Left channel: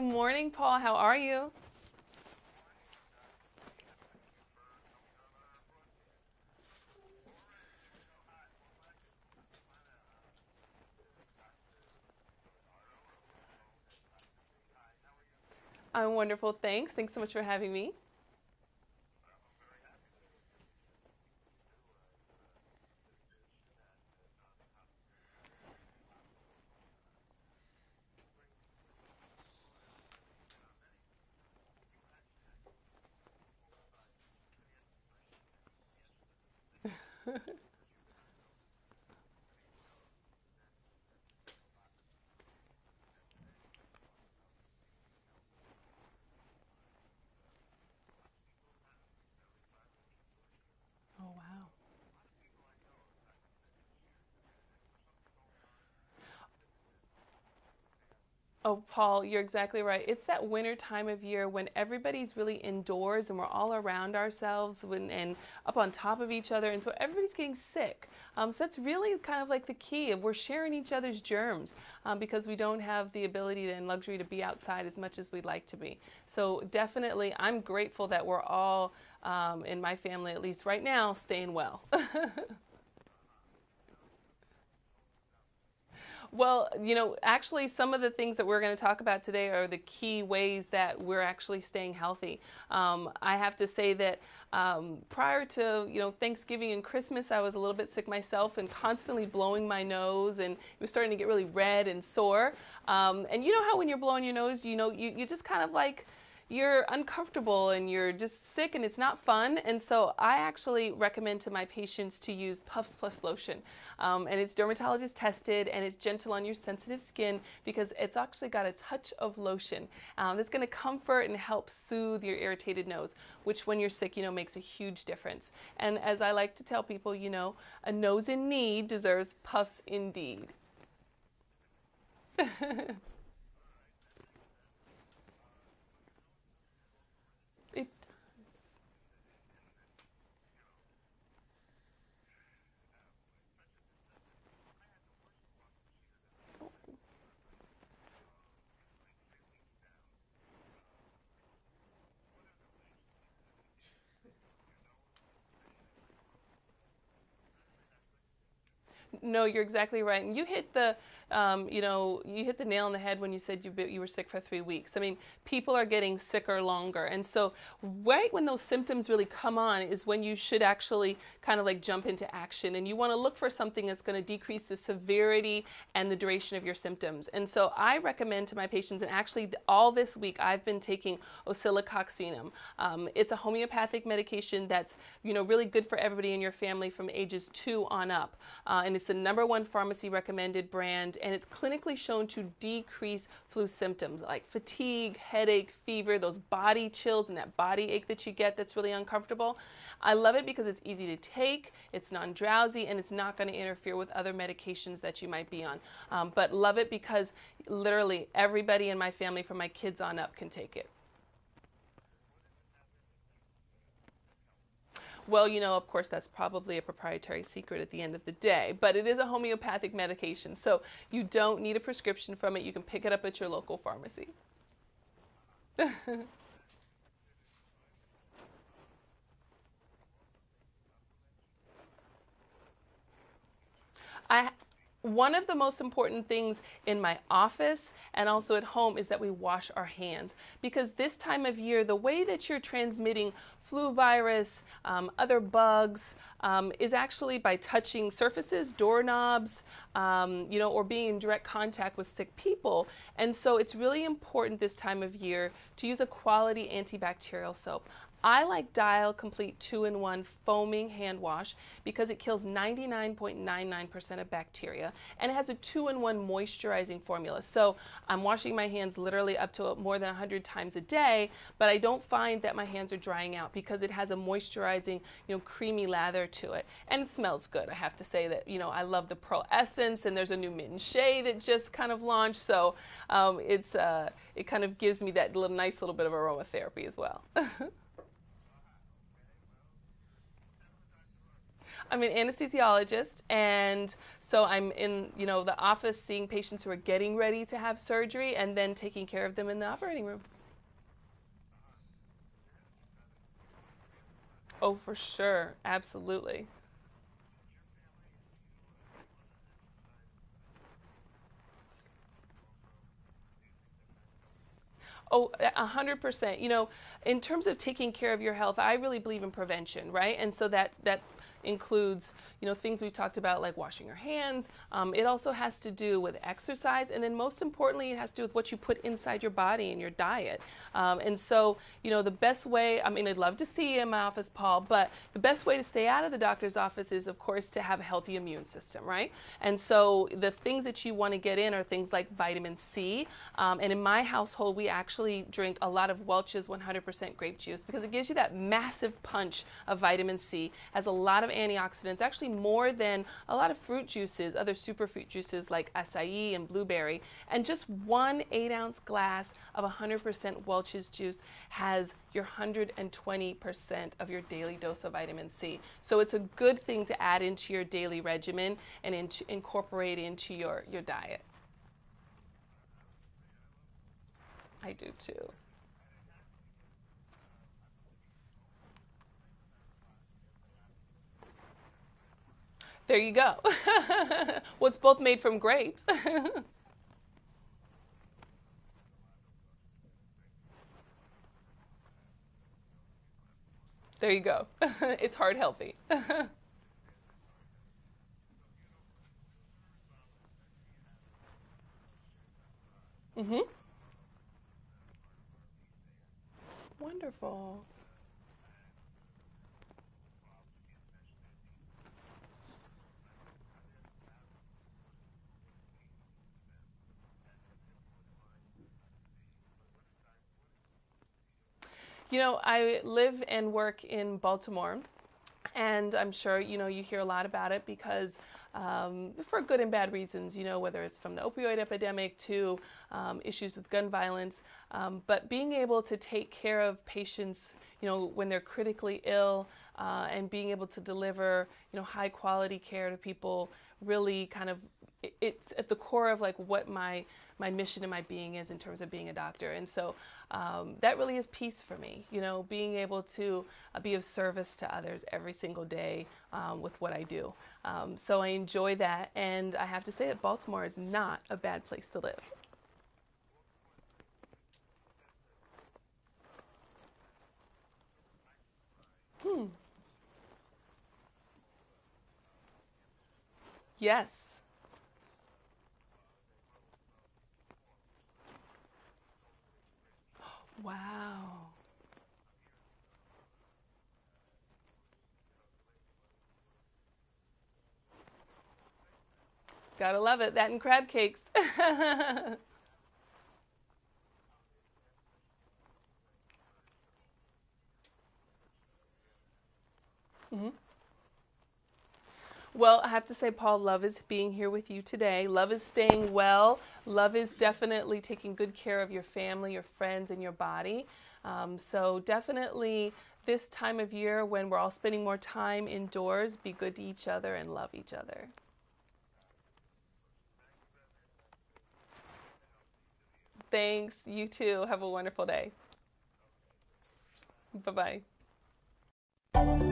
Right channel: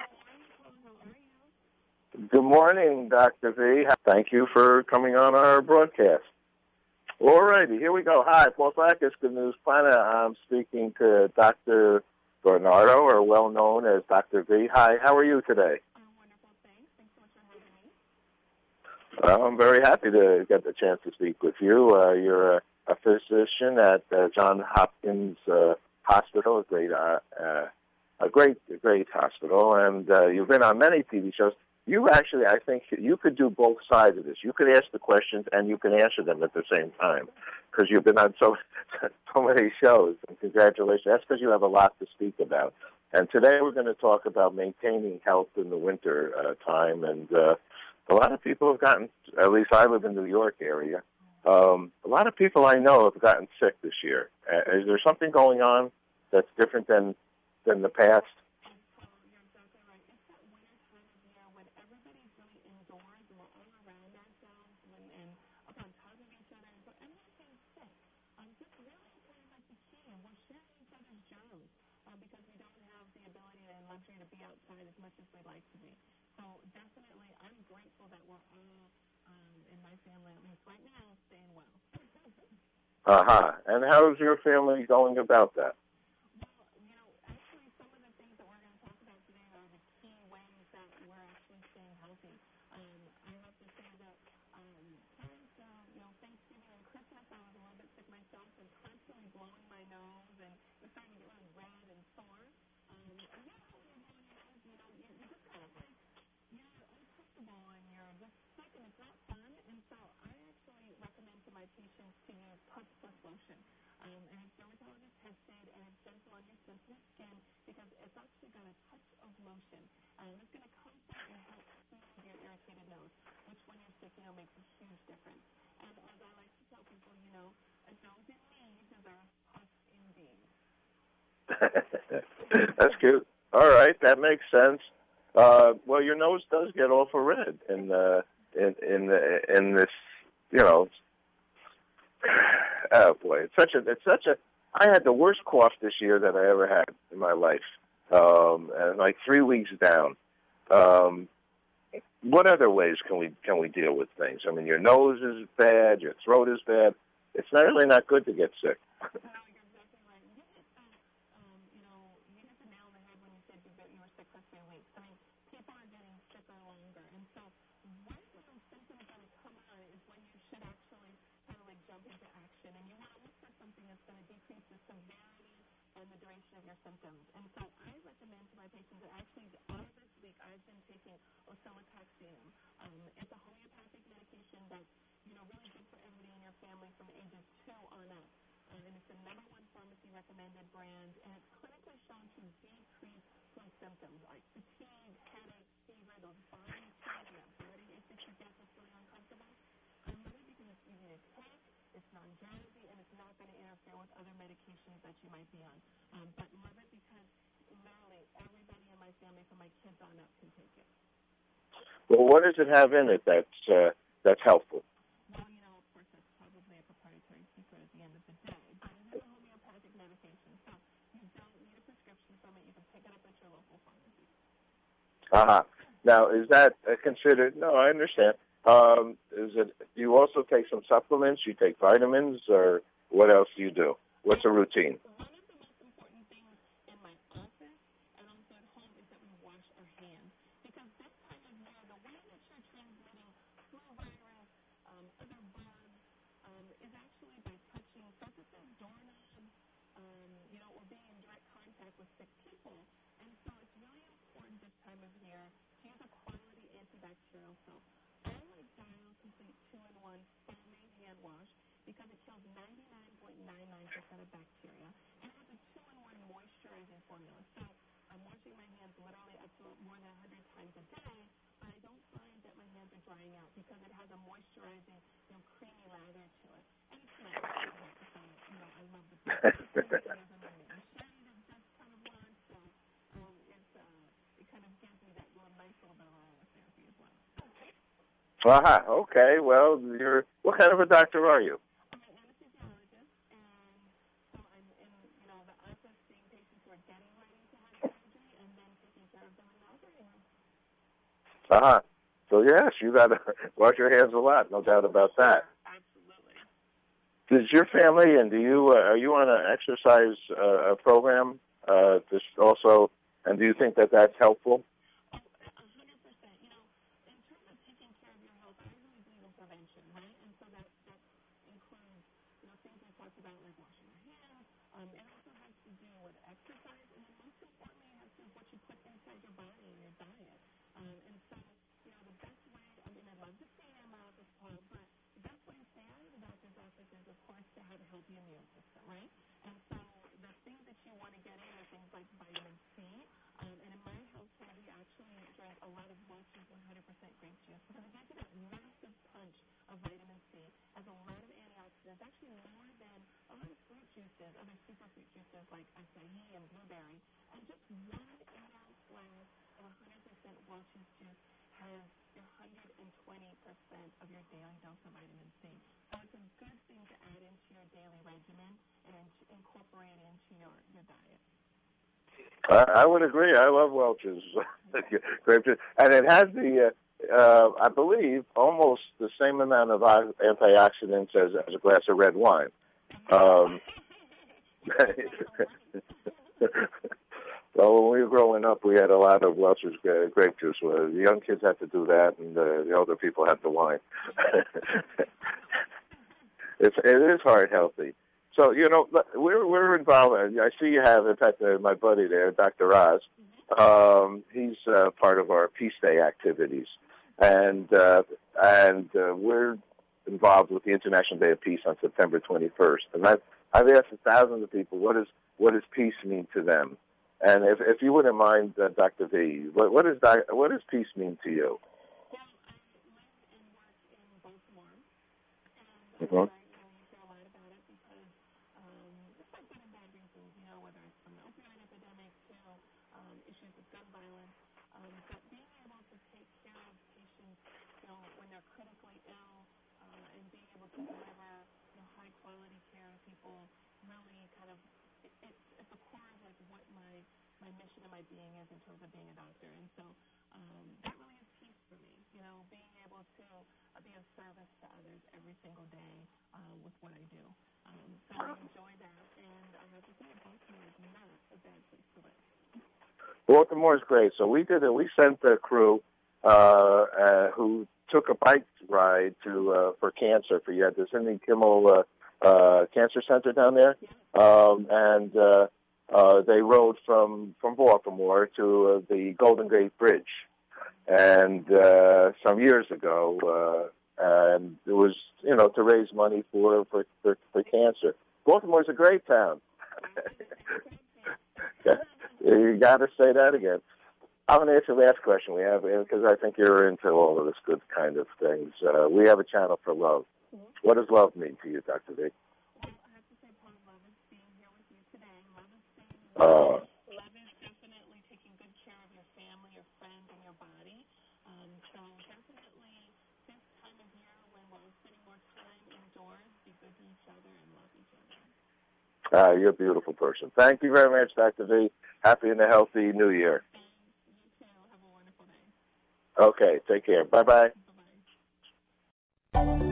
Good morning, Paul. How are you? Good morning, Dr. V. Thank you for coming on our broadcast. All righty, here we go. Hi, Paul Sackis, Good News Planet. I'm speaking to Dr. Varnado, or well known as Dr. V. Hi, how are you today? I'm wonderful, thanks. Thanks so much for having me. I'm very happy to get the chance to speak with you. You're a physician at Johns Hopkins Hospital, a great hospital, and you've been on many TV shows. You actually, I think, you could do both sides of this. You could ask the questions and you can answer them at the same time, because you've been on so many shows. And congratulations. That's because you have a lot to speak about. And today we're going to talk about maintaining health in the winter time. And a lot of people have gotten, at least I live in the New York area, a lot of people I know have gotten sick this year. Is there something going on that's different than the past? Oh, Paul, you're exactly right. It's that winter time of year when everybody's really indoors and we're all around ourselves and up on top of each other, and so everybody's getting sick. So that's really kind of like the key. We're sharing each other's germs because we don't have the ability and luxury to be outside as much as we'd like to be. So definitely, I'm grateful that we're all, in my family at least right now, staying well. And how's your family going about that? Well, actually some of the things that we're going to talk about today are the key ways that we're actually staying healthy. I have to say that prior to, Thanksgiving and Christmas, I was a little bit sick myself and constantly blowing my nose, and it was starting to get really red and sore. And you know how when you're blowing your nose, you just kind of like, you're uncomfortable and you're just sick and it's not fun. And so I actually recommend to my patients to use Puffs Plus lotion. And it's dermatologist tested and it's gentle on your sensitive skin because it's actually got a touch of lotion that's going to comfort and help soothe your irritated nose, which when you're sick, makes a huge difference. And as I like to tell people, a nose in need deserves puffs indeed. That's cute. All right, that makes sense. Well, your nose does get awful red in this, oh boy, it's such a. I had the worst cough this year that I ever had in my life, and like 3 weeks down. What other ways can we deal with things? I mean, your nose is bad, your throat is bad. It's really not good to get sick. No, you're exactly right. And you hit the, you hit the nail on the head when you said you were sick for 3 weeks. I mean, people are getting sicker longer. And so right when those symptoms really come on is when you should actually kind of like jump into action. And you want to look for something that's going to decrease the severity and the duration of your symptoms. And so I recommend to my patients, and actually all this week I've been taking oscillococcinum. It's a homeopathic medication that's, really good for everybody in your family from ages 2 on up. And it's the #1 pharmacy recommended brand, and it's clinically shown to decrease flu symptoms like fatigue, headache, fever, those body chills and that body ache that you get that's really uncomfortable. I love it because it's easy to take, it's non-drowsy, and it's not going to interfere with other medications that you might be on. But love it because literally everybody in my family from my kids on up can take it. Well, what does it have in it that's helpful? Well, of course, that's probably a proprietary secret at the end of the day, but it is a homeopathic medication, so you don't need a prescription from it. You can pick it up at your local pharmacy. Now, is that considered? No, I understand. Do you also take some supplements? You take vitamins, or what else do you do? What's the routine? One of the most important things in my office and also at home is that we wash our hands, because this time of year, the way that you're transmitting flu virus, other bugs, is actually by touching surfaces, doorknobs, or being in direct contact with sick people. And so it's really important this time of year to use a quality antibacterial soap. I like Dial Complete 2-in-1 foaming hand wash because it kills 99.99% of bacteria, and it has a 2-in-1 moisturizing formula. So I'm washing my hands literally up to more than 100 times a day, but I don't find that my hands are drying out because it has a moisturizing, creamy lather to it. And it smells good. I have to say that, I love the Pearl Essence, and there's a new Mint and Shea that just kind of launched. So it kind of gives me that nice little bit of aromatherapy as well. Aha, okay. Well, what kind of a doctor are you? I'm an anesthesiologist, and so I'm in, the office seeing patients who are getting ready to have surgery and then taking care of them in the operating room. Aha. So yes, you got to wash your hands a lot, no doubt about For that. sure, absolutely. Does your family and do you are you on an exercise program? Just also, and do you think that that's helpful? Oh, 100%. In terms of taking care of your health, I really believe in prevention, right? And so that includes, things we've talked about like washing your hands. It also has to do with exercise, and then most importantly, it has to do with what you put inside your body and your diet. And so, the best way, I'd love to see you in my office, Paul, but the best way to stay out of the doctor's office is, of course, to have a healthy immune system, right? And so the things that you want to get in are things like vitamin C. And in my household, we actually drink a lot of Welch's 100% grape juice because it gives you that massive punch of vitamin C, has a lot of antioxidants, actually more than a lot of fruit juices, other superfruit juices like acai and blueberry. And just one 8-ounce glass of 100% Welch's juice has your 120% of your daily dose of vitamin C. So it's a good thing to add into your daily regimen and incorporate into your diet. I would agree. I love Welch's grape juice, and it has the, I believe, almost the same amount of antioxidants as a glass of red wine. There you go. Well, it's both made from grapes. Well, when we were growing up, we had a lot of Welch's grape juice. The young kids had to do that, and the older people had the wine. There you go. It's heart healthy. It is heart healthy. So, we're involved. I see you have, in fact, my buddy there, Dr. Oz. Mm-hmm. He's part of our Peace Day activities. Wonderful. And we're involved with the International Day of Peace on September 21st. And I've asked thousands of people, what does peace mean to them? And if you wouldn't mind, Dr. V, what does peace mean to you? I live and work in Baltimore. And I'm sure, you hear a lot about it because for good and bad reasons, whether it's from the opioid epidemic to issues with gun violence. But being able to take care of patients, when they're critically ill and being able to deliver, high quality care to people really kind of, it's at the core of like what my mission and my being is in terms of being a doctor. And so that really is peace for me, being able to be of service to others every single day with what I do. So I enjoy that, and I have to say that Baltimore is not a bad place to live. Baltimore is great. So we sent a crew who took a bike ride for cancer. You had the Sidney Kimmel Cancer Center down there. Yes. And they rode from Baltimore to the Golden Gate Bridge. Wow. And some years ago, and it was to raise money for cancer. Baltimore's a great town. Gotta love it. That and crab cakes. You gotta say that again. I'm going to ask you the last question we have, because I think you're into all of this good kind of things. We have a channel for love. Mm-hmm. What does love mean to you, Dr. V? Well, I have to say, Paul, love is being here with you today. Love is staying well. Love is definitely taking good care of your family, your friends, and your body. So definitely this time of year when we're all spending more time indoors, be good to each other and love each other. You're a beautiful person. Thank you very much, Dr. V. Happy and a healthy New Year. Thanks. You too. Have a wonderful day. Okay. Take care. Bye-bye. Bye-bye.